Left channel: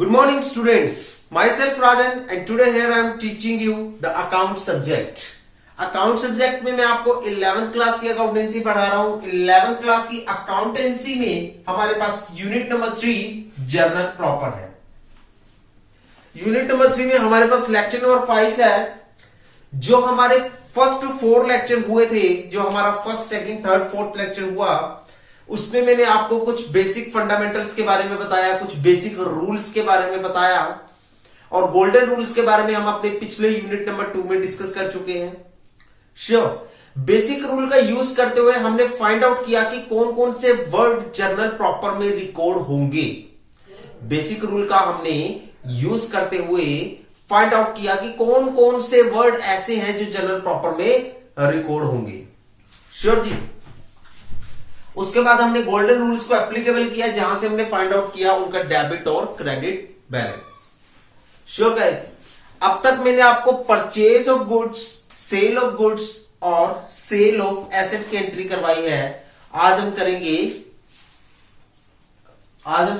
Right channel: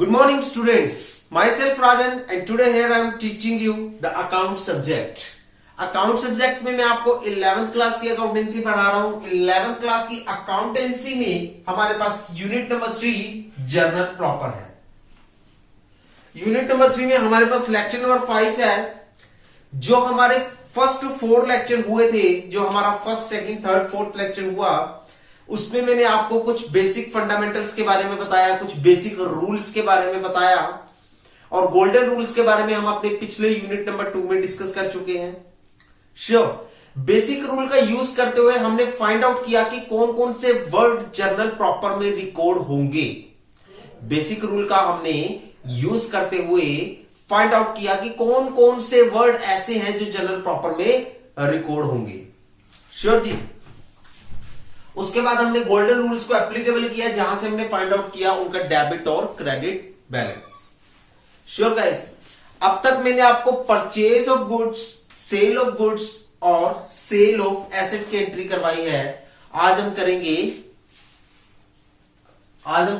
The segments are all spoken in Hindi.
Good morning students, myself Rajan and today here I am teaching you the account subject. Account subject में मैं आपको 11th क्लास की अकाउंटेंसी पढ़ा रहा हूं। 11th क्लास की अकाउंटेंसी में हमारे पास यूनिट नंबर 3 जर्नल प्रॉपर है। यूनिट नंबर 3 में हमारे पास लेक्चर नंबर 5 है। जो हमारे फर्स्ट 4 लेक्चर हुए थे, जो हमारा first second third fourth lecture हुआ, उसमें मैंने आपको कुछ बेसिक फंडामेंटल्स के बारे में बताया, कुछ बेसिक रूल्स के बारे में बताया और गोल्डन रूल्स के बारे में हम अपने पिछले यूनिट नंबर 2 में डिस्कस कर चुके हैं। श्योर, बेसिक रूल का यूज करते हुए हमने फाइंड आउट किया कि कौन कौन से वर्ड जर्नल प्रॉपर में रिकॉर्ड होंगे। बेसिक रूल का हमने यूज करते हुए फाइंड आउट किया कि कौन कौन से वर्ड ऐसे हैं जो जर्नल प्रॉपर में रिकॉर्ड होंगे। श्योर जी। उसके बाद हमने गोल्डन रूल्स को एप्लीकेबल किया, जहां से हमने फाइंड आउट किया उनका डेबिट और क्रेडिट बैलेंस। श्योर गाइस, अब तक मैंने आपको purchase of goods, sale of goods और सेल ऑफ एसेट की एंट्री करवाई है। आज हम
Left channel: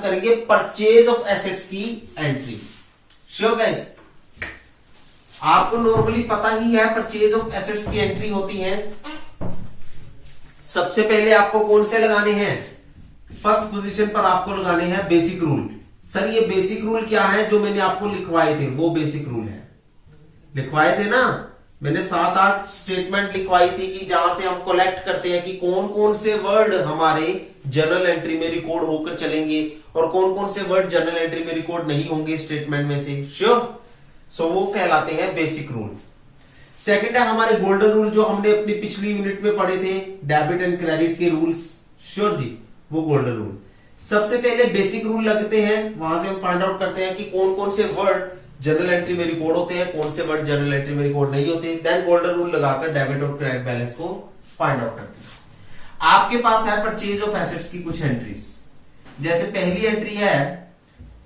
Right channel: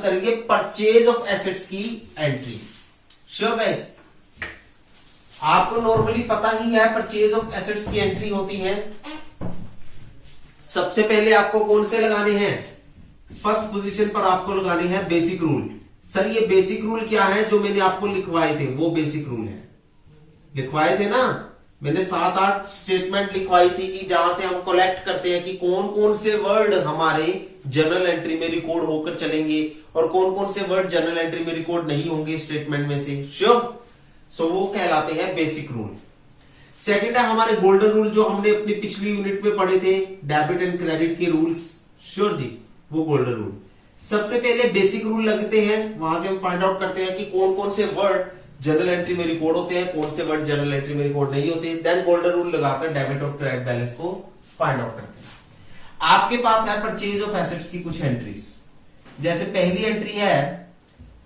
करेंगे परचेज ऑफ एसेट्स की एंट्री। श्योर गाइस, आपको नॉर्मली पता ही है परचेज ऑफ एसेट्स की एंट्री होती है। सबसे पहले आपको कौन से लगाने हैं? फर्स्ट पोजीशन पर आपको लगाने हैं बेसिक रूल। सर ये बेसिक रूल क्या है? जो मैंने आपको लिखवाए थे वो बेसिक रूल है। लिखवाए थे ना, मैंने 7-8 स्टेटमेंट लिखवाई थी कि जहां से हम कलेक्ट करते हैं कि कौन कौन से वर्ड हमारे जर्नल एंट्री में रिकॉर्ड होकर चलेंगे और कौन कौन से वर्ड जर्नल एंट्री में रिकॉर्ड नहीं होंगे स्टेटमेंट में से। श्योर, सो वो कहलाते हैं बेसिक रूल। सेकंड है हमारे गोल्डन रूल, जो हमने अपनी पिछली यूनिट में पढ़े थे, डेबिट एंड क्रेडिट के रूल्स। श्योर जी, वो गोल्डन रूल। सबसे पहले बेसिक रूल लगते हैं, वहां से हम फाइंड आउट करते हैं कि कौन कौन से वर्ड जर्नल एंट्री में रिकॉर्ड होते हैं, कौन से वर्ड जर्नल एंट्री में रिकॉर्ड नहीं होते। देन गोल्डन रूल लगाकर डेबिट और क्रेडिट बैलेंस को फाइंड आउट करते हैं। आपके पास है परचेज ऑफ एसेट्स की कुछ एंट्रीज। जैसे पहली एंट्री है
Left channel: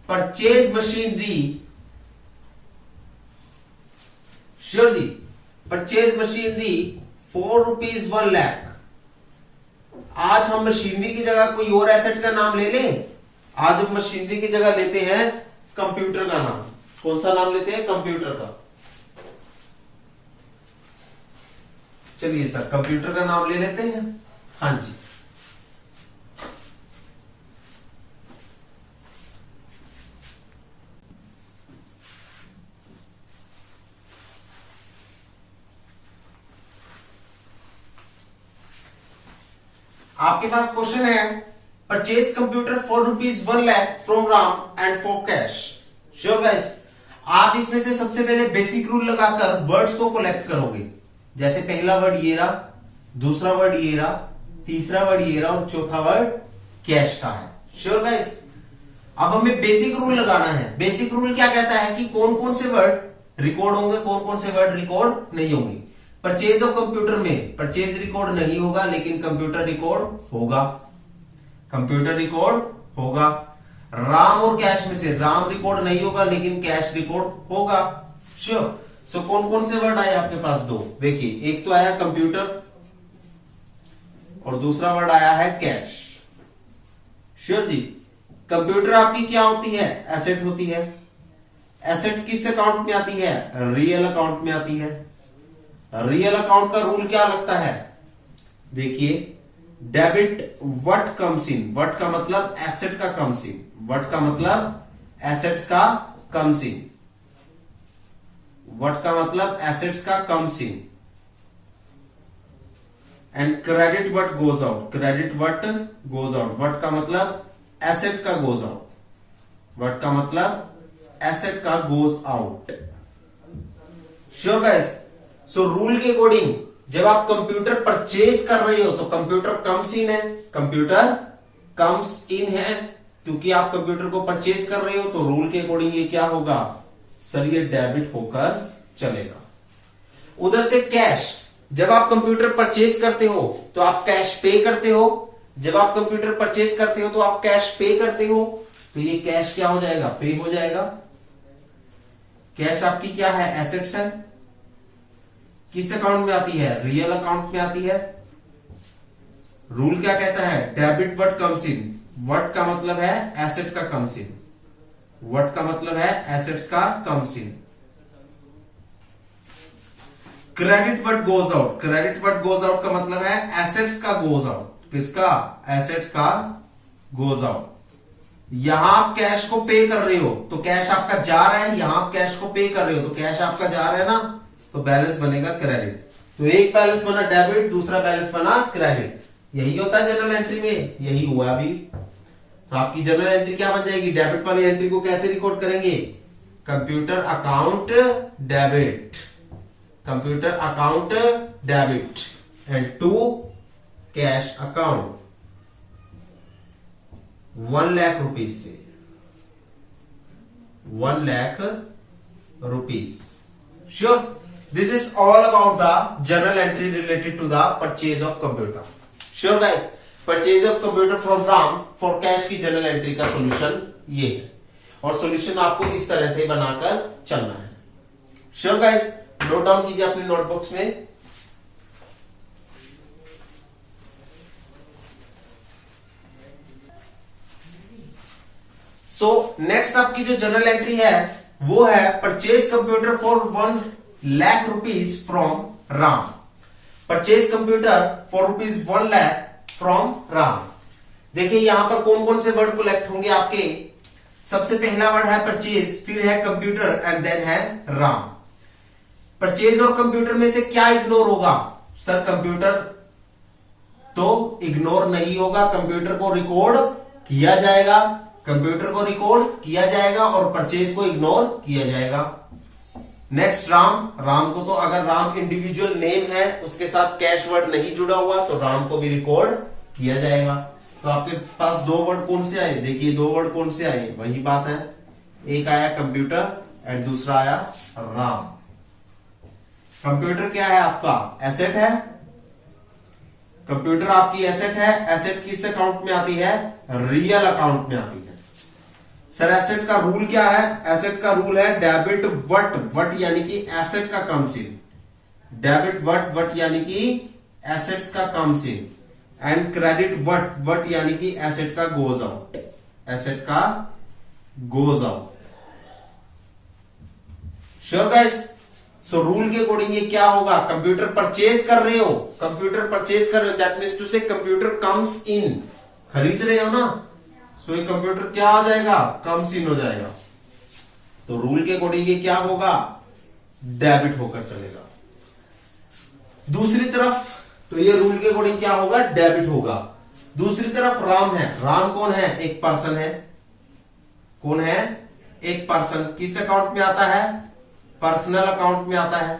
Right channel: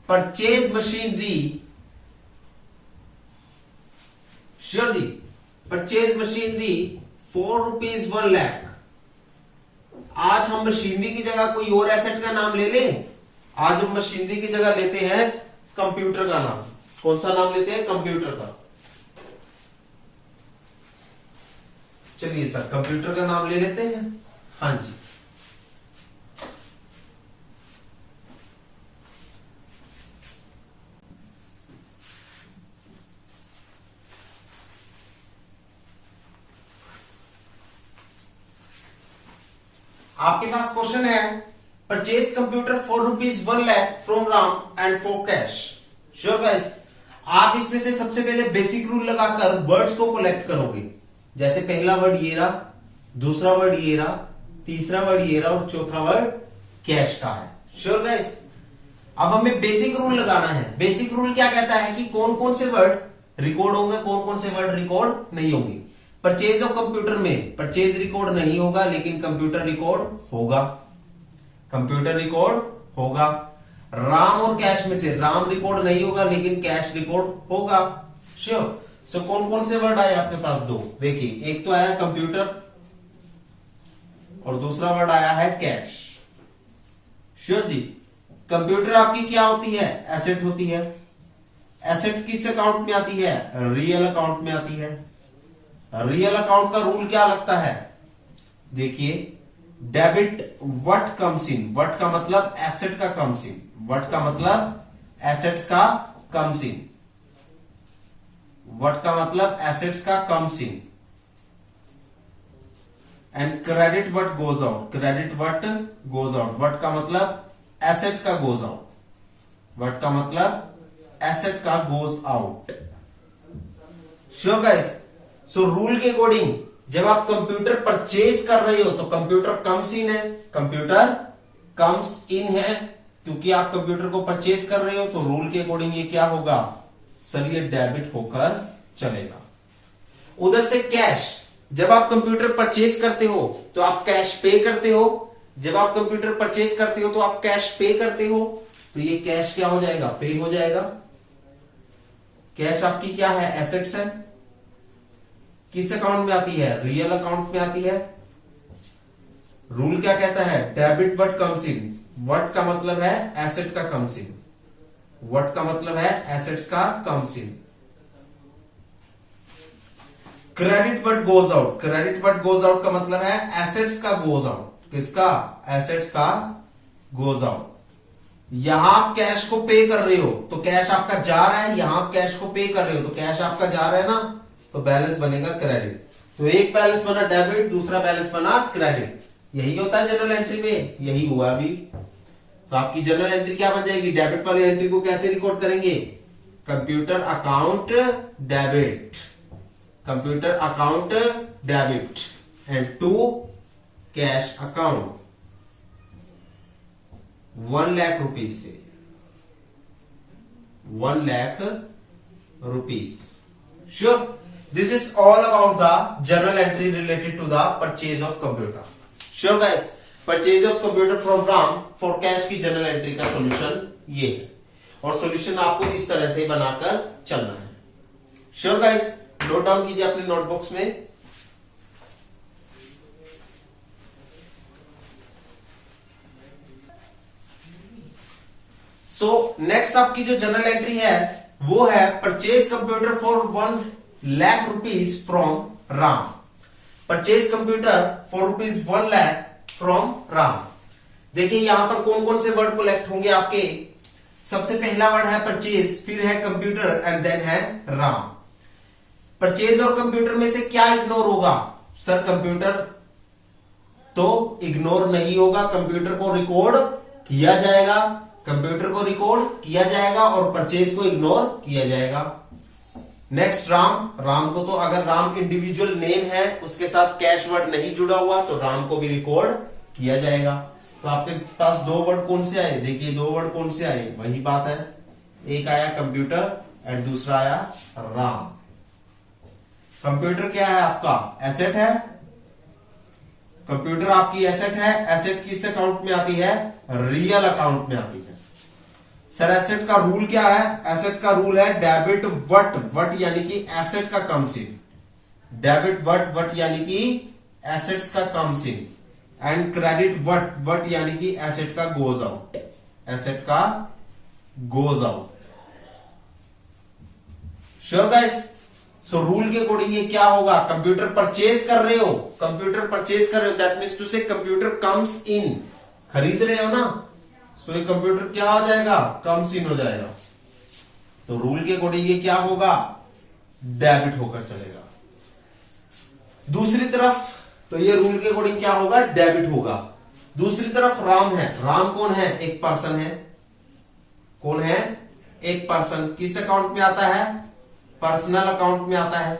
परचेज मशीनरी। श्योर जी, परचेज मशीनरी ₹4 1,00,000। आज हम मशीनरी की जगह कोई और एसेट का नाम ले लें। आज हम मशीनरी की जगह लेते हैं कंप्यूटर का नाम। कौन सा नाम लेते हैं? कंप्यूटर का। चलिए सर, कंप्यूटर का नाम ले लेते हैं। हाँ जी, आपके पास क्वेश्चन है purchase computer ₹1,00,000 from Ram and for cash. Sure guys, आप इसमें से सबसे पहले बेसिक रूल लगाकर वर्ड्स को कलेक्ट करोगे। जैसे पहला वर्ड ये रहा, दूसरा वर्ड ये रहा, तीसरा वर्ड ये रहा और चौथा वर्ड कैश का है। श्योर गाइस, अब हमें बेसिक रूल लगाना है। बेसिक रूल क्या कहता है कि कौन कौन से वर्ड रिकॉर्ड होंगे, कौन कौन से वर्ड रिकॉर्ड नहीं होंगे। परचेज ऑफ कंप्यूटर में परचेज रिकॉर्ड नहीं होगा, लेकिन कंप्यूटर रिकॉर्ड होगा। कंप्यूटर रिकॉर्ड होगा। राम और कैश में से राम रिकॉर्ड नहीं होगा, लेकिन कैश रिकॉर्ड होगा। श्योर, सो कौन कौन से वर्ड आए आपके पास? 2। देखिए, एक तो आया कंप्यूटर और दूसरा वर्ड आया है कैश। श्योर जी, कंप्यूटर आपकी क्या होती है? एसेट होती है। एसेट किस अकाउंट में आती है? रियल अकाउंट में आती है। रियल अकाउंट का रूल क्या लगता है? देखिए, debit what comes in. What का मतलब एसेट का कम्स इन। व्हाट का मतलब एसेट्स का कम्स इन। व्हाट का मतलब एसेट्स का comes in. And credit what goes out. Credit what goes out. What का मतलब एसेट का गोज आउट। व्हाट का मतलब एसेट का गोज आउट। श्योर गाइस, सो रूल के अकॉर्डिंग जब आप कंप्यूटर परचेज कर रहे हो तो कंप्यूटर कम्स इन है। कंप्यूटर कम्स इन है क्योंकि आप कंप्यूटर को परचेज कर रहे हो, तो रूल के अकॉर्डिंग ये क्या होगा? सर ये डेबिट होकर चलेगा। उधर से कैश, जब आप कंप्यूटर परचेज करते हो तो आप कैश पे करते हो। जब आप कंप्यूटर परचेज करते हो तो आप कैश पे करते हो, तो ये कैश क्या हो जाएगा? पे हो जाएगा। कैश आपकी क्या है? एसेट्स है। किस अकाउंट में आती है? रियल अकाउंट में आती है। रूल क्या कहता है? Debit what comes in. What का मतलब है एसेट का कम्स इन। व्हाट का मतलब है एसेट्स का comes in. Credit what goes out, credit what goes out का मतलब है एसेट्स का गोज आउट। किसका? एसेट्स का गोज आउट। यहां आप कैश को पे कर रहे हो तो कैश आपका जा रहा है, यहां आप कैश को पे कर रहे हो तो कैश आपका जा रहा है ना, तो बैलेंस बनेगा क्रेडिट। तो एक बैलेंस बना डेबिट, दूसरा बैलेंस बना क्रेडिट। यही होता है जनरल एंट्री में, यही हुआ अभी। तो आपकी जनरल एंट्री क्या बन जाएगी? डेबिट वाली एंट्री को कैसे रिकॉर्ड करेंगे? Computer account debit, computer account debit and to cash account 1 lakh rupees से 1 lakh rupees. Sure, this is all about the journal entry related to the purchase of computer. Sure guys, purchase of computer from Ram for cash की जनरल एंट्री का सॉल्यूशन ये है, और सॉल्यूशन आपको इस तरह से बनाकर चलना है। श्योर गाइस, नोट डाउन कीजिए अपनी नोटबुक्स में। सो नेक्स्ट आपकी जो जनरल एंट्री है वो है purchase computer for 1 lakh rupees from Ram. Purchase computer for rupees 1 lakh from Ram. देखिए यहां पर कौन कौन से वर्ड कलेक्ट होंगे आपके। सबसे पहला वर्ड है परचेज, फिर है कंप्यूटर एंड देन है राम। परचेज और कंप्यूटर में से क्या इग्नोर होगा? सर कंप्यूटर तो इग्नोर नहीं होगा, कंप्यूटर को रिकॉर्ड किया जाएगा, कंप्यूटर को रिकॉर्ड किया जाएगा और परचेज को इग्नोर किया जाएगा। नेक्स्ट राम, राम को तो अगर राम इंडिविजुअल नेम है उसके साथ कैश वर्ड नहीं जुड़ा हुआ तो राम को भी रिकॉर्ड किया जाएगा। तो आपके पास 2 वर्ड कौन से आए? देखिए 2 वर्ड कौन से आए, वही बात है। एक आया कंप्यूटर एंड दूसरा आया राम। कंप्यूटर क्या है आपका? एसेट है। कंप्यूटर आपकी एसेट है। एसेट किस अकाउंट में आती है? रियल अकाउंट में आती है। सर एसेट का रूल क्या है? एसेट का रूल है डेबिट वट, वट यानी कि एसेट का comes in. Debit what, what यानी कि एसेट्स का comes in and credit what, what यानी कि एसेट का गोज आउट, एसेट का गोज आउट। श्योर गाइस, सो रूल के अकॉर्डिंग ये क्या होगा? कंप्यूटर परचेज कर रहे हो, कंप्यूटर परचेज कर रहे हो, दैट मीन्स टू से कंप्यूटर कम्स इन, खरीद रहे हो ना, सो ये कंप्यूटर क्या हो जाएगा? कम्स इन हो जाएगा। तो रूल के अकॉर्डिंग ये क्या होगा? डेबिट होकर चलेगा। दूसरी तरफ तो ये रूल के अकॉर्डिंग क्या होगा? डेबिट होगा। दूसरी तरफ राम है। राम कौन है? एक पर्सन है। कौन है? एक पर्सन। किस अकाउंट में आता है? पर्सनल अकाउंट में आता है।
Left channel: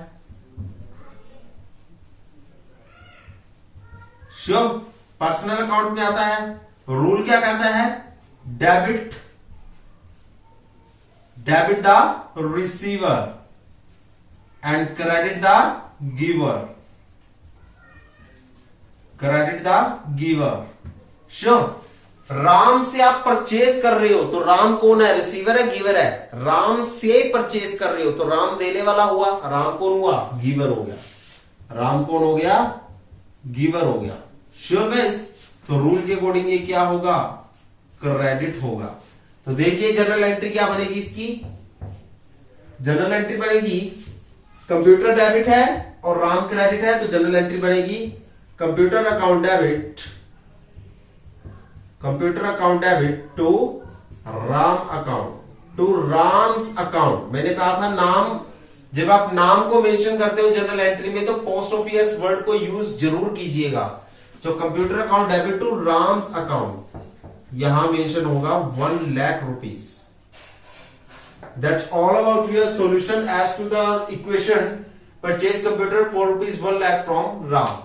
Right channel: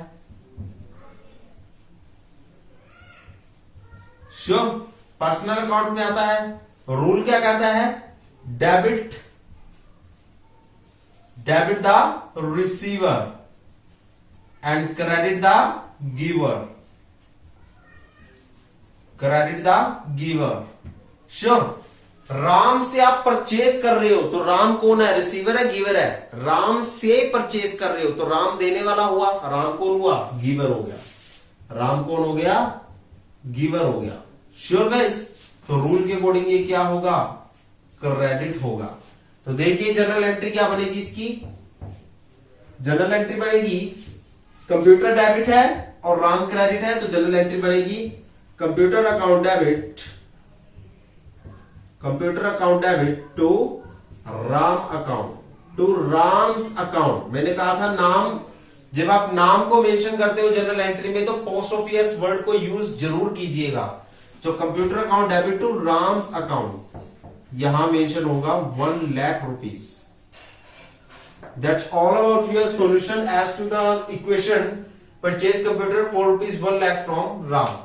शुभ, पर्सनल अकाउंट में आता है। रूल क्या कहता है? Debit, debit the receiver and credit the giver, credit the giver. Sure, Ram से आप परचेज कर रहे हो तो राम कौन है? रिसीवर है, गिवर है। राम से परचेज कर रहे हो तो राम देने वाला हुआ, राम कौन हुआ? गिवर हो गया। राम कौन हो गया? गिवर हो गया। श्योर गाइस, तो रूल के अकॉर्डिंग ये क्या होगा? क्रेडिट होगा। तो देखिए जनरल एंट्री क्या बनेगी इसकी। जनरल एंट्री बनेगी कंप्यूटर डेबिट है और राम क्रेडिट है, तो जनरल एंट्री बनेगी computer account debit, computer account debit to Ram account, to Ram's account. मैंने कहा था नाम, जब आप नाम को मेंशन करते हो जनरल एंट्री में तो पोस्ट ऑफिस वर्ड को यूज जरूर कीजिएगा। जो computer account debit to Ram's account, यहां मेंशन होगा 1 lakh rupees. That's all about your solution as to the equation purchase computer for rupees 1 lakh from Ram.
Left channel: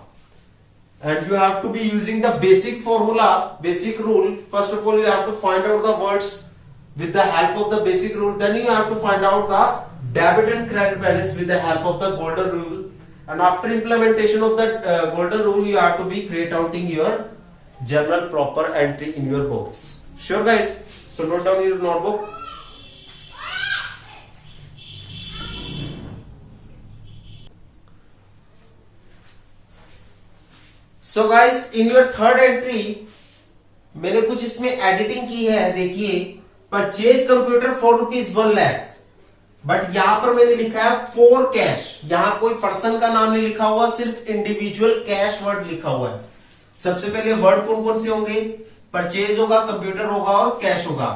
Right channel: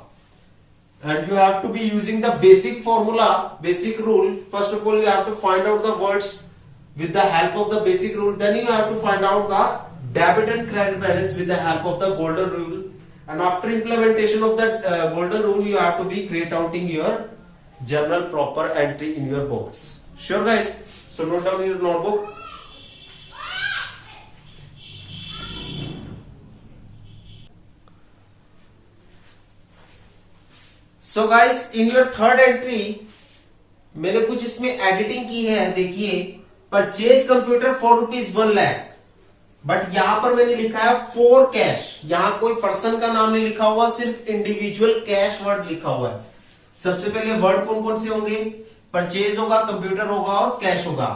And you have to be using the basic formula, basic rule. First of all, you have to find out the words with the help of the basic rule. Then you have to find out the debit and credit balance with the help of the golden rule. And after implementation of that golden rule, you have to be creating your general proper entry in your books. Sure, guys. So note down your notebook. So guys, in your third entry मैंने कुछ इसमें एडिटिंग की है। देखिए परचेज कंप्यूटर फॉर ₹1,00,000, बट यहां पर मैंने लिखा है फॉर कैश। यहां कोई पर्सन का नाम नहीं लिखा हुआ, सिर्फ इंडिविजुअल कैश वर्ड लिखा हुआ है। सबसे पहले वर्ड कौन कौन से होंगे? परचेज होगा, कंप्यूटर होगा और कैश होगा।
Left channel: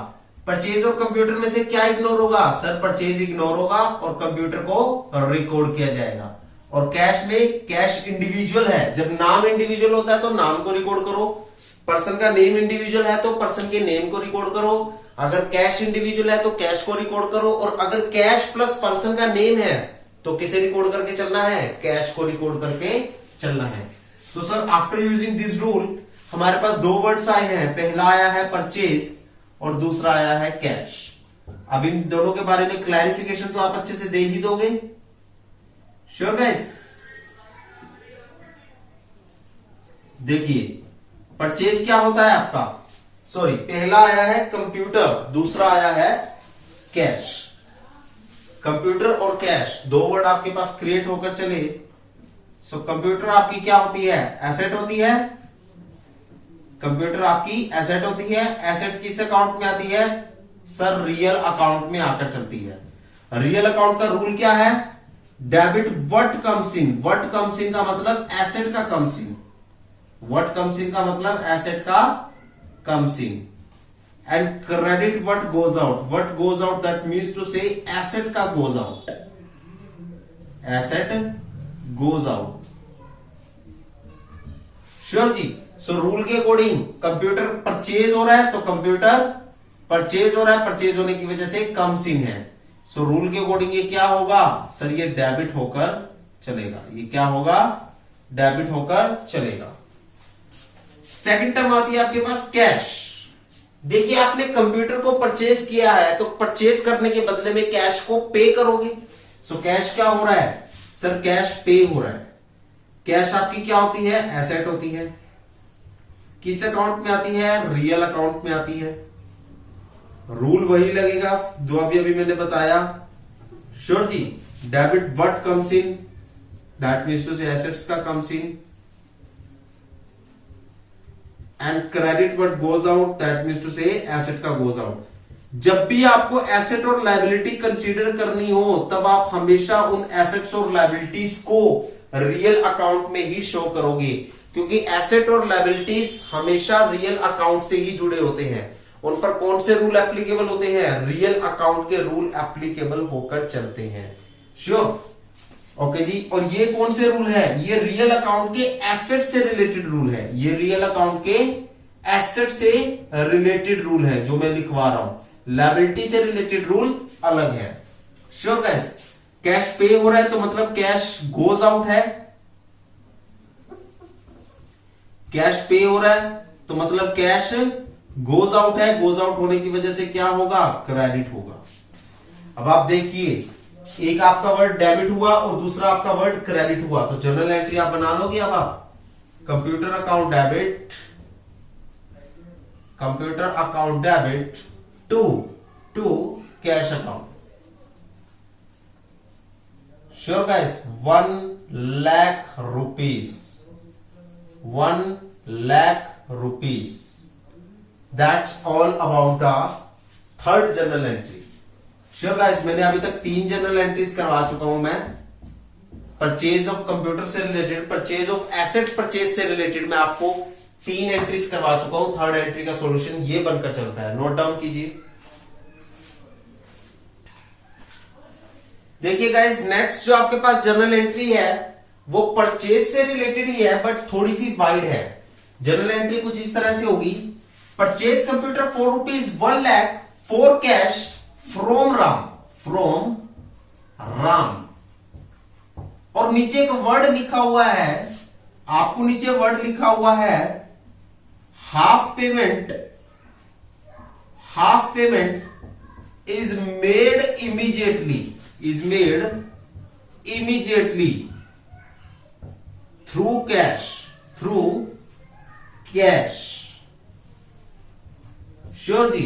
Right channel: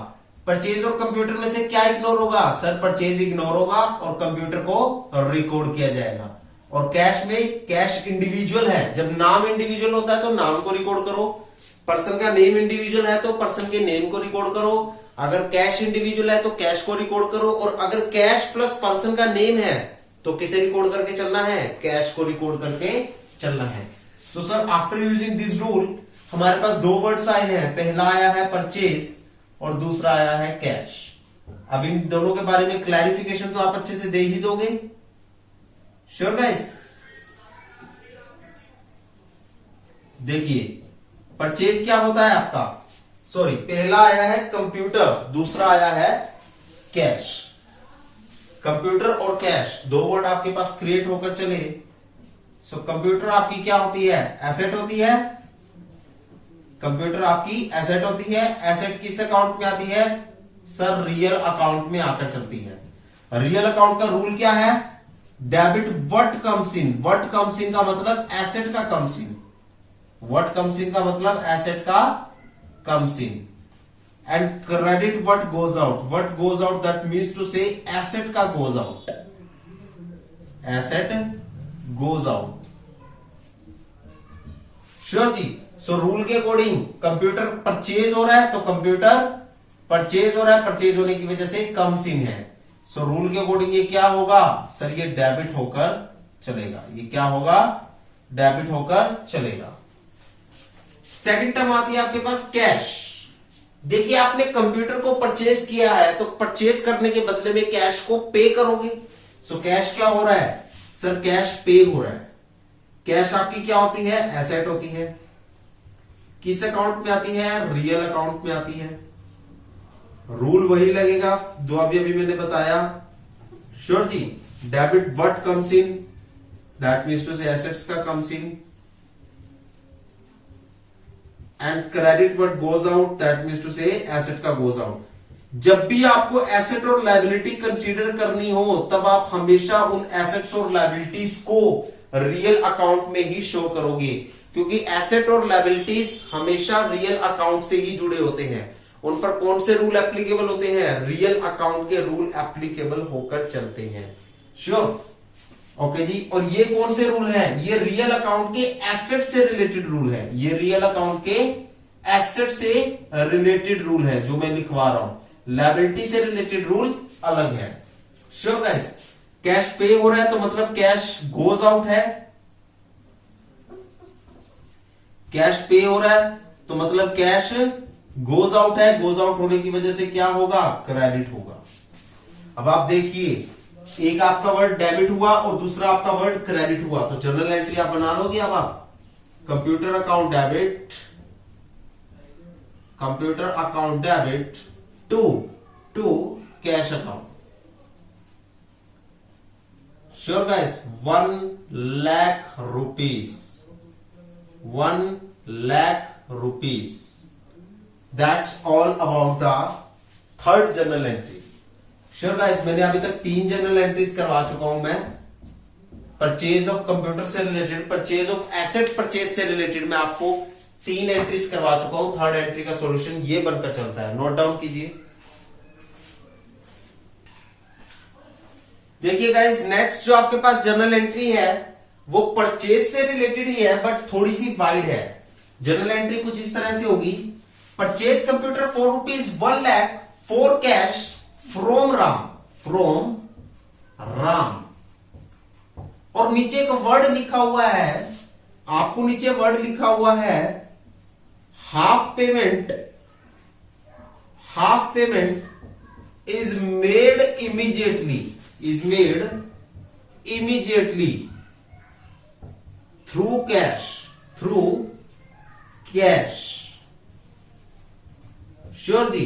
परचेज और कंप्यूटर में से क्या इग्नोर होगा? सर परचेज इग्नोर होगा और कंप्यूटर को रिकॉर्ड किया जाएगा। और कैश में कैश इंडिविजुअल है, जब नाम इंडिविजुअल होता है तो नाम को रिकॉर्ड करो, पर्सन का नेम इंडिविजुअल है तो पर्सन के नेम को रिकॉर्ड करो, अगर कैश इंडिविजुअल है तो कैश को रिकॉर्ड करो, और अगर कैश प्लस पर्सन का नेम है तो किसे रिकॉर्ड करके चलना है? कैश को रिकॉर्ड करके चलना है। तो sir after using this rule हमारे पास दो वर्ड्स आए हैं, पहला आया है परचेज और दूसरा आया है कैश। अब इन दोनों के बारे में क्लैरिफिकेशन तो आप अच्छे से दे ही दोगे, श्योर गाइस? देखिए परचेज क्या होता है आपका, सॉरी पहला आया है कंप्यूटर, दूसरा आया है कैश। कंप्यूटर और कैश दो वर्ड आपके पास क्रिएट होकर चले। सो कंप्यूटर आपकी क्या होती है? एसेट होती है। कंप्यूटर आपकी एसेट होती है। एसेट किस अकाउंट में आती है? सर रियल अकाउंट में आकर चलती है। रियल अकाउंट का रूल क्या है? Debit what comes in. What comes in का मतलब एसेट का comes in. What comes in का मतलब एसेट का comes in. And credit what goes out. What goes out that means to से एसेट का goes out. Asset goes out, sure जी? सो रूल के अकॉर्डिंग कंप्यूटर परचेज हो रहा है तो कंप्यूटर परचेज हो रहा है, परचेज होने की वजह से कम्स इन है। सो रूल के अकॉर्डिंग ये क्या होगा? सर ये डेबिट होकर चलेगा। ये क्या होगा? डेबिट होकर चलेगा। सेकंड टर्म आती है आपके पास कैश। देखिए आपने कंप्यूटर को परचेज किया है तो परचेज करने के बदले में कैश को पे करोगे। सो कैश क्या हो रहा है? सर कैश पे हो रहा है। कैश आपकी क्या होती है? एसेट होती है। किस अकाउंट में आती है? रियल अकाउंट में आती है। रूल वही लगेगा जो अभी मैंने बताया, श्योर जी? Debit what comes in, that means to say assets का comes in, and credit what goes out, that means to से एसेट का गोज आउट। जब भी आपको एसेट और लायबिलिटी कंसीडर करनी हो तब आप हमेशा उन एसेट्स और लायबिलिटीज को रियल अकाउंट में ही शो करोगे, क्योंकि एसेट और लायबिलिटीज हमेशा रियल अकाउंट से ही जुड़े होते हैं। उन पर कौन से रूल एप्लीकेबल होते हैं? रियल अकाउंट के रूल एप्लीकेबल होकर चलते हैं, श्योर? ओके जी। और ये कौन से रूल है? ये रियल अकाउंट के एसेट से रिलेटेड रूल है। ये रियल अकाउंट के एसेट से रिलेटेड रूल है जो मैं लिखवा रहा हूं। लायबिलिटी से रिलेटेड रूल अलग है, श्योर गाइस? कैश पे हो रहा है तो मतलब कैश गोज आउट है। कैश पे हो रहा है तो मतलब कैश गोज आउट है। गोज आउट होने की वजह से क्या होगा? क्रेडिट होगा। अब आप देखिए एक आपका वर्ड डेबिट हुआ और दूसरा आपका वर्ड क्रेडिट हुआ, तो जर्नल एंट्री आप बना लोगे। अब आप computer account debit, computer account debit to cash account, sure guys? 1,00,000 rupees, 1,00,000 rupees. That's all about the third journal entry, sure guys? मैंने अभी तक 3 जनरल एंट्रीज करवा चुका हूं मैं। परचेज ऑफ कंप्यूटर से related, purchase of asset purchase से रिलेटेड मैं आपको 3 एंट्रीज करवा चुका हूं। थर्ड एंट्री का सॉल्यूशन ये बनकर चलता है, नोट डाउन कीजिए। देखिए गाइस नेक्स्ट जो आपके पास जर्नल एंट्री है वो परचेज से रिलेटेड ही है बट थोड़ी सी वाइड है। जर्नल एंट्री कुछ इस तरह से होगी, purchase computer for ₹1,00,000 for cash from Ram, और नीचे एक वर्ड लिखा हुआ है, आपको नीचे वर्ड लिखा हुआ है half payment is made immediately through cash, sure जी?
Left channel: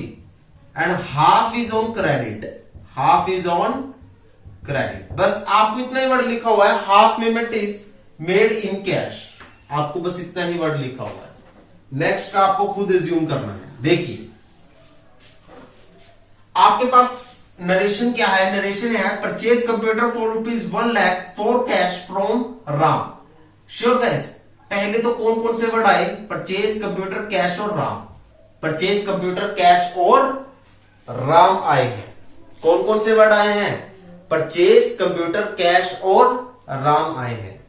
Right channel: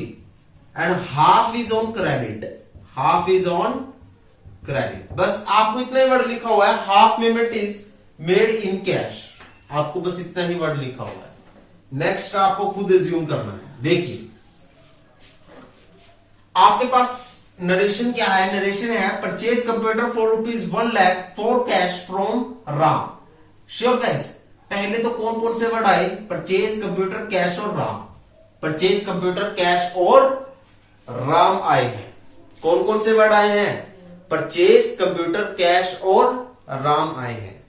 And half is on credit, बस आपको इतना ही वर्ड लिखा हुआ है, half payment is made in cash, आपको बस इतना ही वर्ड लिखा हुआ है। नेक्स्ट आपको खुद एज्यूम करना है। देखिए आपके पास नरेशन क्या है, नरेशन है purchase computer for ₹1,00,000 for cash from Ram. Sure guys, पहले तो कौन कौन से वर्ड आए, परचेज कंप्यूटर कैश और राम, परचेज कंप्यूटर कैश और राम आए हैं। कौन कौन से वर्ड आए हैं, परचेज कंप्यूटर कैश और राम आए हैं।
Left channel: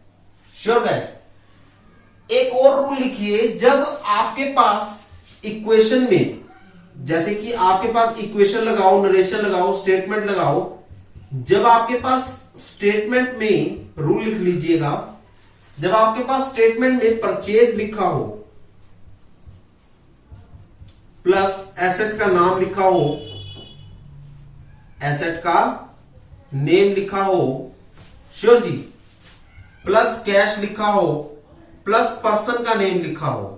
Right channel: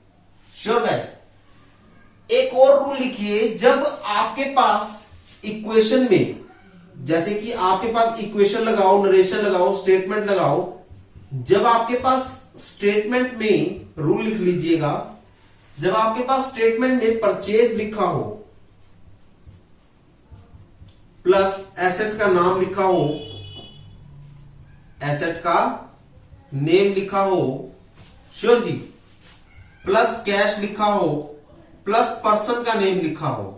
श्योर गाइस, एक और रूल लिखिए, जब आपके पास इक्वेशन में, जैसे कि आपके पास इक्वेशन लगाओ, नरेशन लगाओ, स्टेटमेंट लगाओ, जब आपके पास स्टेटमेंट में रूल लिख लीजिएगा, जब आपके पास स्टेटमेंट में परचेज लिखा हो प्लस एसेट का नाम लिखा हो, एसेट का नेम लिखा हो, श्योर जी, प्लस कैश लिखा हो, प्लस पर्सन का नेम लिखा हो,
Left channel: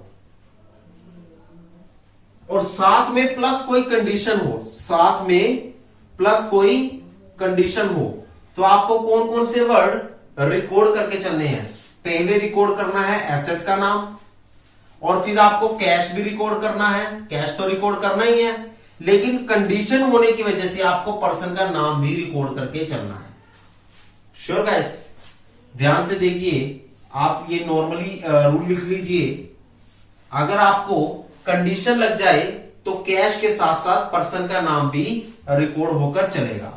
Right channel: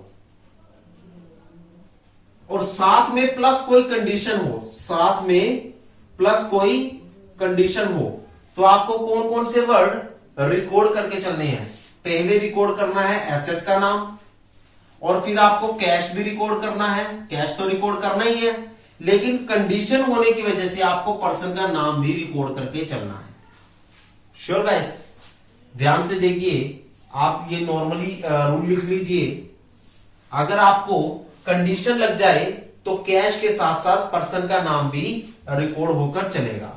और साथ में प्लस कोई कंडीशन हो, साथ में प्लस कोई कंडीशन हो, तो आपको कौन कौन से वर्ड रिकॉर्ड करके चलने हैं। पहले रिकॉर्ड करना है एसेट का नाम, और फिर आपको कैश भी रिकॉर्ड करना है, कैश तो रिकॉर्ड करना ही है, लेकिन कंडीशन होने की वजह से आपको पर्सन का नाम भी रिकॉर्ड करके चलना है। श्योर गाइस, ध्यान से देखिए, आप ये नॉर्मली रूल लिख लीजिए, अगर आपको कंडीशन लग जाए तो कैश के साथ साथ पर्सन का नाम भी रिकॉर्ड होकर चलेगा।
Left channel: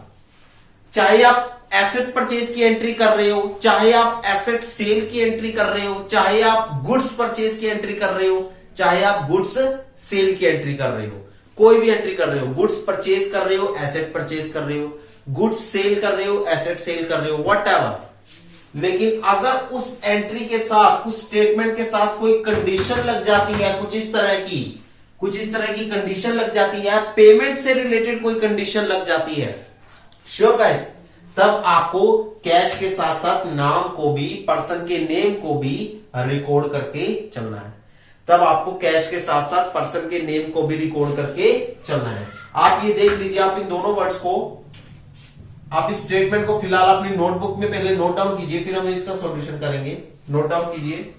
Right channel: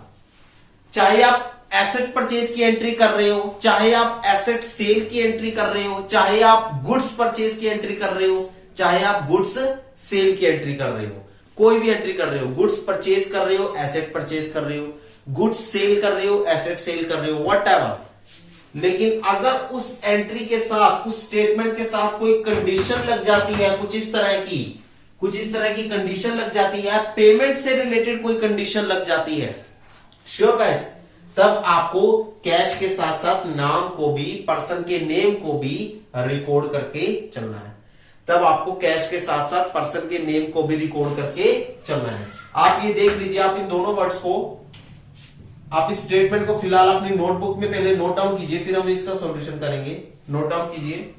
चाहे आप एसेट परचेज की एंट्री कर रहे हो, चाहे आप एसेट सेल की एंट्री कर रहे हो, चाहे आप गुड्स परचेज की एंट्री कर रहे हो, चाहे आप गुड्स सेल की एंट्री कर रहे हो, कोई भी एंट्री कर रहे हो, गुड्स परचेज कर रहे हो, एसेट परचेज कर रहे हो, गुड्स सेल कर रहे हो, एसेट सेल कर रहे हो, व्हाटएवर, लेकिन अगर उस एंट्री के साथ, उस स्टेटमेंट के साथ कोई कंडीशन लग जाती है, कुछ इस तरह की कंडीशन लग जाती है, पेमेंट से रिलेटेड कोई कंडीशन लग जाती है, श्योर गाइस, तब आपको कैश के साथ साथ नाम को भी, पर्सन के नेम को भी रिकॉर्ड करके चलना है। तब आपको कैश के साथ साथ पर्सन के नेम को भी रिकॉर्ड करके चलना है। आप ये देख लीजिए, आप इन दोनों वर्ड्स को, आप इस स्टेटमेंट को फिलहाल अपनी नोटबुक में पहले नोट डाउन कीजिए, फिर हम इसका सॉल्यूशन करेंगे। नोट डाउन कीजिए।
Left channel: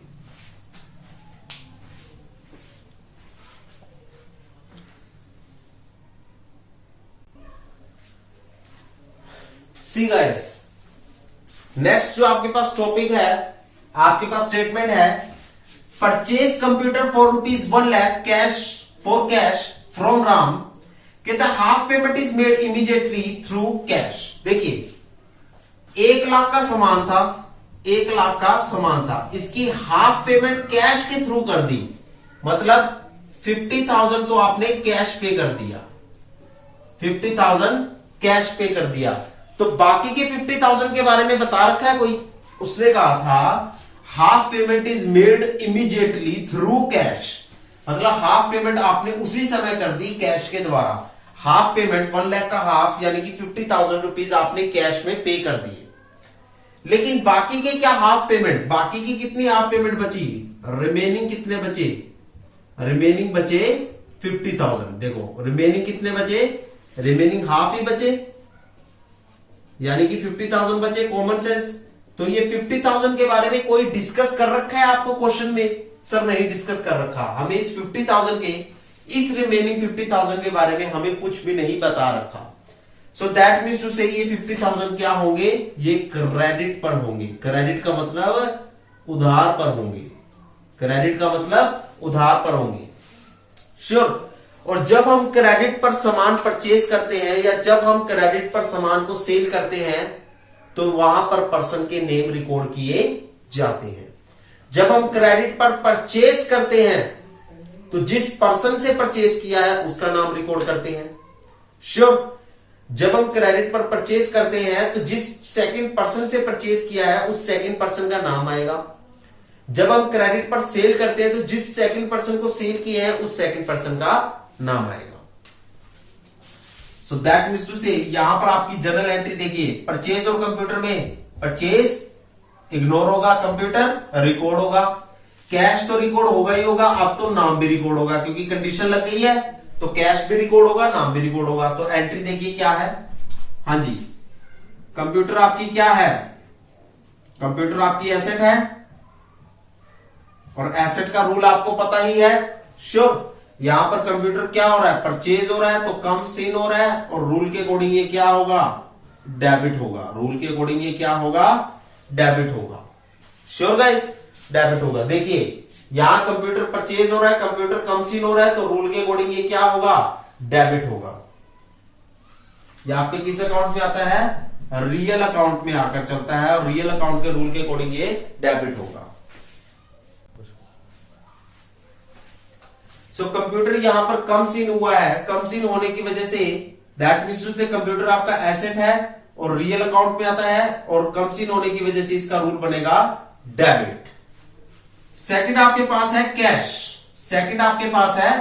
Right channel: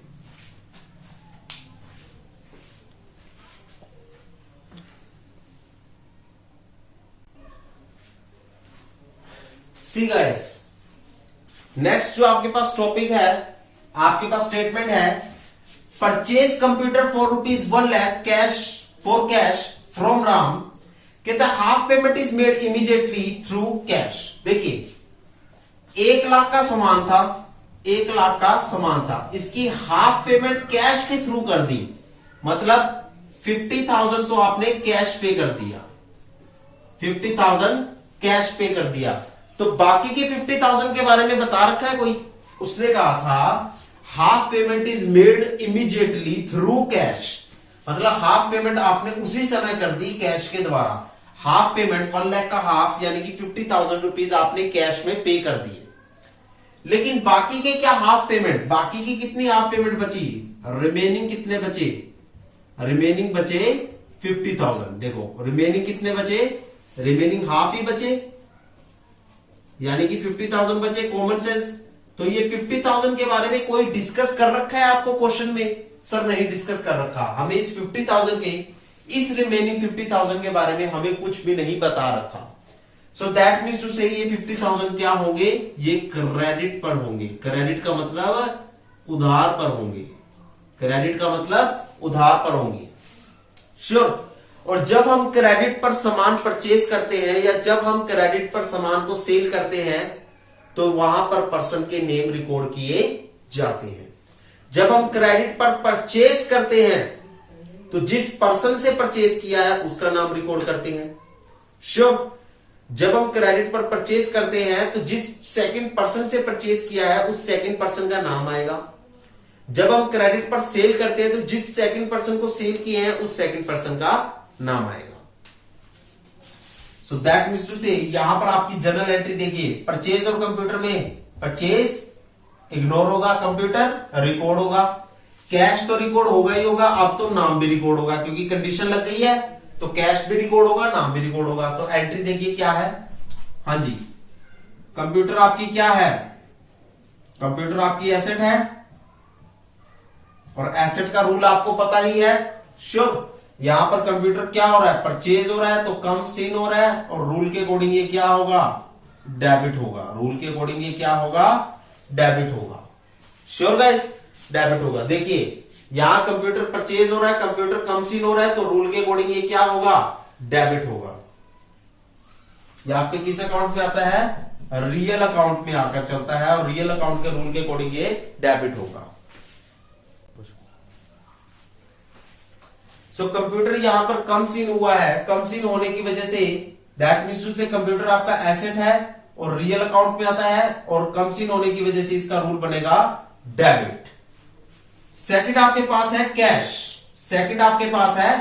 सी गाइस, नेक्स्ट जो आपके पास टॉपिक है, आपके पास स्टेटमेंट है purchase computer for ₹1,00,000 cash for cash from Ram, कहता half payment is made immediately through cash. देखिए 1,00,000 का सामान था, 1,00,000 का सामान था, इसकी हाफ पेमेंट कैश के थ्रू कर दी, मतलब 50,000 तो आपने कैश पे कर दिया, 50,000 कैश पे कर दिया, तो बाकी के 50,000 के बारे में बता रखा है कोई, उसने कहा था half payment is made immediately through cash, मतलब हाफ पेमेंट आपने उसी समय कर दी कैश के द्वारा। हाफ पेमेंट 1,00,000 का हाफ यानी कि 50,000 रुपीज आपने कैश में पे कर दिए, लेकिन बाकी के क्या हाफ पेमेंट, बाकी की कितनी हाफ पेमेंट बची, रिमेनिंग कितने बचे, रिमेनिंग बचे 50,000। देखो रिमेनिंग कितने बचे, रिमेनिंग हाफ ही बचे, यानी कि 50,000 बचे, कॉमन सेंस। तो ये 50,000 के बारे में कोई डिस्कस कर रखा है आपको क्वेश्चन में, सर नहीं डिस्कस कर रखा, हमें इस 50,000 के, इस रिमेनिंग 50,000 के बारे में हमें कुछ भी नहीं बता रखा। सो दैट मीन्स टू से ये 50,000 क्या होंगे, ये क्रेडिट पर होंगे। क्रेडिट का मतलब उधार पर होंगे, क्रेडिट का मतलब उधार पर होंगे, श्योर। और जब हम क्रेडिट पर सामान परचेज करते हैं या जब हम क्रेडिट पर सामान को सेल करते हैं तो वहां पर पर्सन के नेम रिकॉर्ड किए जाते हैं। जब हम क्रेडिट पर परचेज करते हैं तो जिस पर्सन से परचेज किया है उसका नाम रिकॉर्ड करते हैं, श्योर। जब हम क्रेडिट पर परचेज करते हैं तो जिस सेकंड पर्सन से परचेज किया है उस सेकंड पर्सन का नाम आएगा। जब हम क्रेडिट पर सेल करते हैं तो जिस सेकंड पर्सन को सेल किए हैं उस सेकंड पर्सन का नाम आएगा। सो दैट मीन्स टू से यहां पर आपकी जर्नल एंट्री देखिए, परचेज और कंप्यूटर में परचेज इग्नोर होगा, कंप्यूटर रिकॉर्ड होगा, कैश तो रिकॉर्ड होगा ही होगा, अब तो नाम भी रिकॉर्ड होगा क्योंकि कंडीशन लग गई है, तो कैश भी रिकॉर्ड होगा, नाम भी रिकॉर्ड होगा। तो एंट्री देखिए क्या है, हाँ जी, कंप्यूटर आपकी क्या है, कंप्यूटर आपकी एसेट है और एसेट का रूल आपको पता ही है, श्योर। यहां पर कंप्यूटर क्या हो रहा है, परचेज हो रहा है, तो कम सीन हो रहा है, और रूल के अकॉर्डिंग ये क्या होगा, डेबिट होगा। रूल के अकॉर्डिंग ये क्या होगा, डेबिट होगा। श्योर गाइस, डेबिट होगा। देखिए यहां कंप्यूटर परचेज हो रहा है, कंप्यूटर कम सीन हो रहा है, तो रूल के अकॉर्डिंग ये क्या होगा, डेबिट होगा। यह आपके किस अकाउंट में आता है, रियल अकाउंट में आकर चलता है, और रियल अकाउंट के रूल के अकॉर्डिंग ये डेबिट होगा। सो कंप्यूटर यहां पर कम सीन हुआ है, कम सीन होने की वजह से दैट मीन्स टू से कंप्यूटर आपका एसेट है और रियल अकाउंट में आता है, और कम सीन होने की वजह से इसका रूल बनेगा डेबिट। सेकंड आपके पास है कैश। सेकंड आपके पास है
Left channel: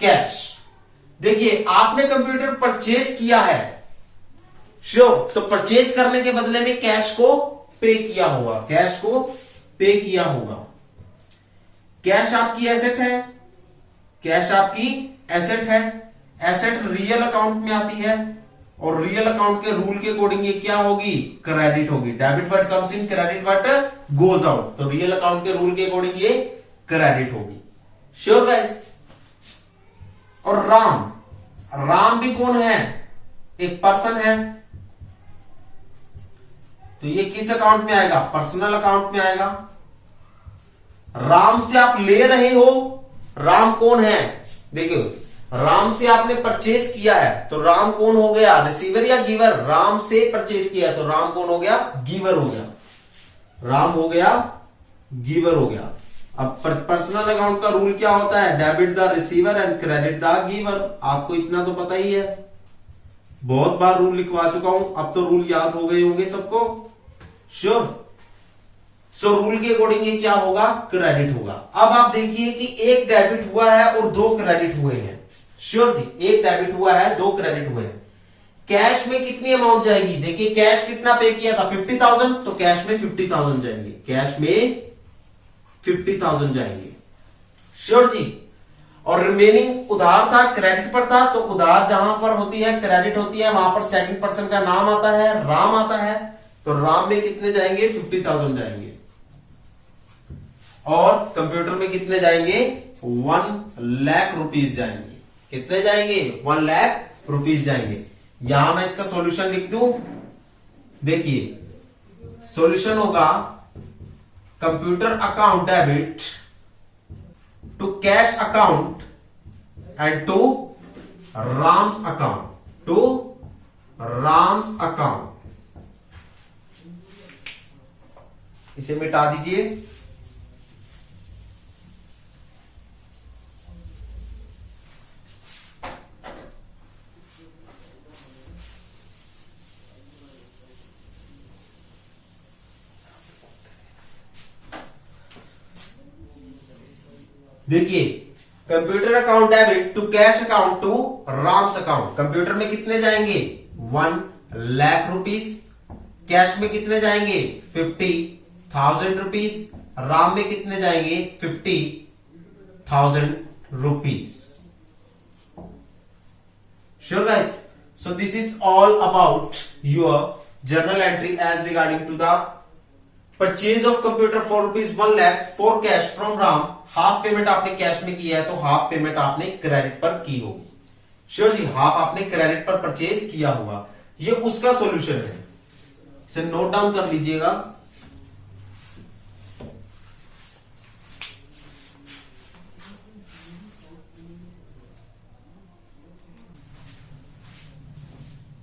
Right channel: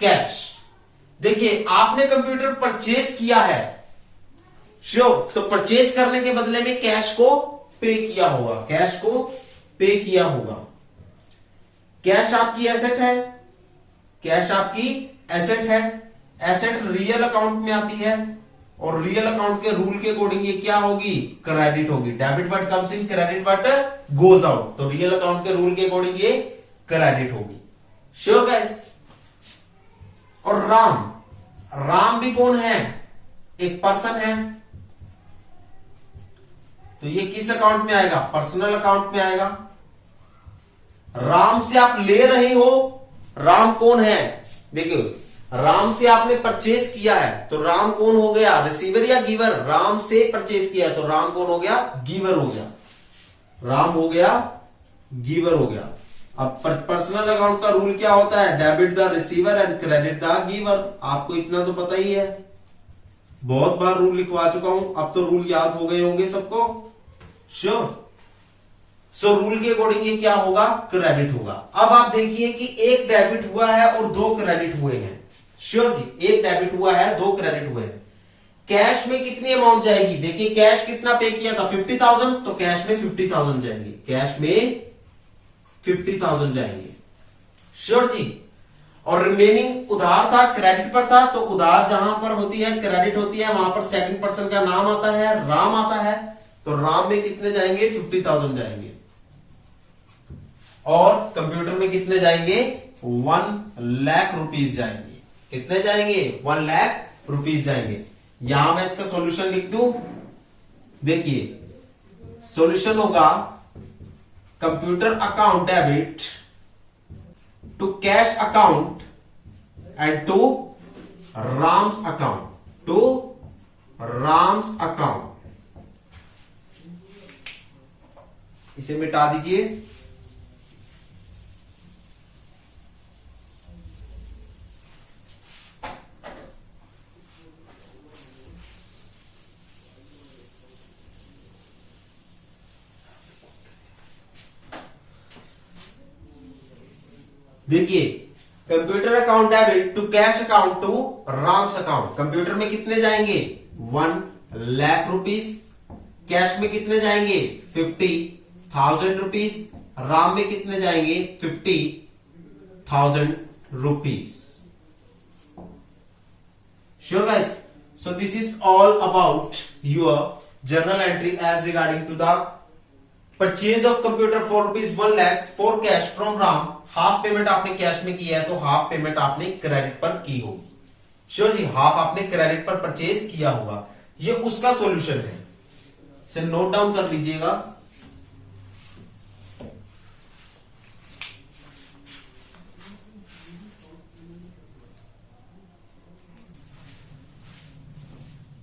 कैश। देखिए आपने कंप्यूटर परचेज किया है, श्योर, तो परचेज करने के बदले में कैश को पे किया होगा, कैश को पे किया होगा। कैश आपकी एसेट है, कैश आपकी एसेट है। एसेट रियल अकाउंट में आती है, और रियल अकाउंट के रूल के अकॉर्डिंग ये क्या होगी, क्रेडिट होगी। Debit word comes in, credit word goes out, तो रियल अकाउंट के रूल के अकॉर्डिंग ये क्रेडिट होगी। Sure guys. और राम, राम भी कौन है, एक पर्सन है, तो ये किस अकाउंट में आएगा, पर्सनल अकाउंट में आएगा। राम से आप ले रहे हो, राम कौन है, देखिए राम से आपने परचेज किया है, तो राम कौन हो गया, रिसीवर या गिवर। राम से परचेज किया है, तो राम कौन हो गया, गिवर हो गया। राम हो गया, गिवर हो गया। अब पर्सनल अकाउंट का रूल क्या होता है, debit the receiver and credit the giver. आपको इतना तो पता ही है, बहुत बार रूल लिखवा चुका हूं, अब तो रूल याद हो गए होंगे सबको। श्योर। सो रूल के अकॉर्डिंग ये क्या होगा, क्रेडिट होगा। अब आप देखिए कि एक डेबिट हुआ है और दो क्रेडिट हुए हैं। श्योर जी, एक डेबिट हुआ है, दो क्रेडिट हुए हैं। कैश में कितनी अमाउंट जाएगी, देखिए कैश कितना पे किया था, 50,000, तो कैश में 50,000 जाएंगे, कैश में 50,000 जाएंगे। श्योर जी। और रिमेनिंग उधार था, क्रेडिट पर था, तो उधार जहां पर होती है, क्रेडिट होती है, वहां पर सेकंड पर्सन का नाम आता है, राम आता है, तो राम में कितने जाएंगे, 50,000 जाएंगे। और कंप्यूटर में कितने जाएंगे, 1,00,000 रुपीज जाएंगे। कितने जाएंगे, 1,00,000 रुपीज जाएंगे। यहां मैं इसका सॉल्यूशन लिख दूं, देखिए सॉल्यूशन होगा computer account debit to cash account and to Ram's account, to Ram's account. इसे मिटा दीजिए। देखिए computer account debit to cash account to Ram's account. कंप्यूटर में कितने जाएंगे, 1,00,000 रुपीज। कैश में कितने जाएंगे, 50,000 रुपीज। राम में कितने जाएंगे, 50,000 rupees. Sure guys. So this is all about your journal entry as regarding to the purchase of computer for rupees 1,00,000 for cash from Ram. Half payment आपने कैश में किया है, तो हाफ पेमेंट आपने क्रेडिट पर की होगी। श्योर जी, हाफ आपने क्रेडिट पर परचेज किया होगा। ये उसका सॉल्यूशन है, इसे नोट डाउन कर लीजिएगा।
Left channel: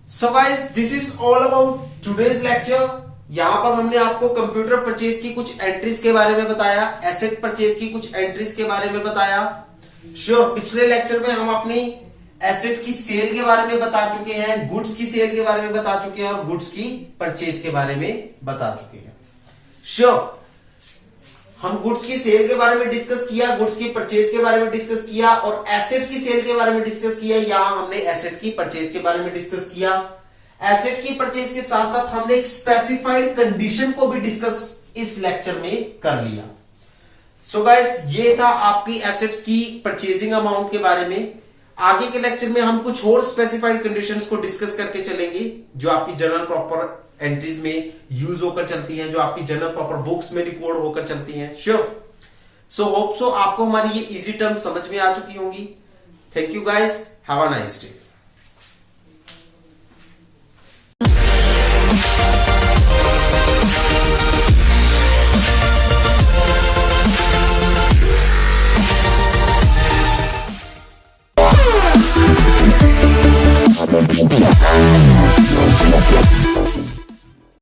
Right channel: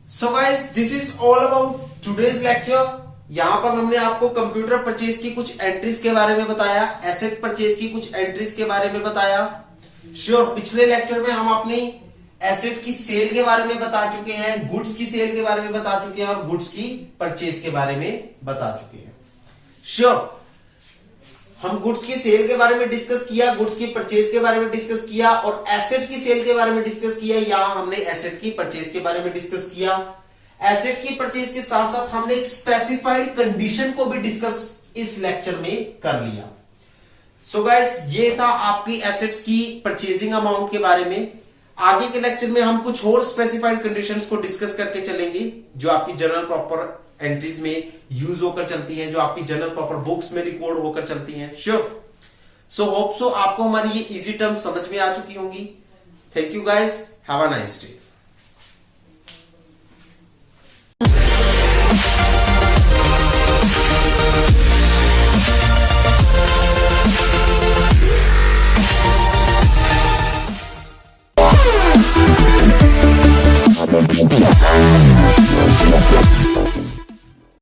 So guys, this is all about today's lecture. यहां पर हमने आपको कंप्यूटर परचेज की कुछ एंट्रीज के बारे में बताया, एसेट परचेज की कुछ एंट्रीज के बारे में बताया। श्योर, पिछले लेक्चर में हम अपनी एसेट की सेल के बारे में बता चुके हैं, गुड्स की सेल के बारे में बता चुके हैं, और गुड्स की परचेज के बारे में बता चुके हैं। श्योर, हम गुड्स की सेल के बारे में डिस्कस किया, गुड्स की परचेज के बारे में डिस्कस किया, और एसेट की सेल के बारे में डिस्कस किया। यहां हमने एसेट की परचेज के बारे में डिस्कस किया। एसेट की परचेज के साथ साथ हमने एक स्पेसिफाइड कंडीशन को भी डिस्कस इस लेक्चर में कर लिया। सो गाइस, ये था आपकी एसेट्स की परचेजिंग अमाउंट के बारे में। आगे के लेक्चर में हम कुछ और स्पेसिफाइड कंडीशंस को डिस्कस करके चलेंगे, जो आपकी जनरल प्रॉपर एंट्रीज में यूज होकर चलती हैं, जो आपकी जनरल प्रॉपर बुक्स में रिकॉर्ड होकर चलती हैं। श्योर। सो होप सो आपको हमारी ये इजी टर्म समझ में आ चुकी होंगी। Thank you guys, have a nice day.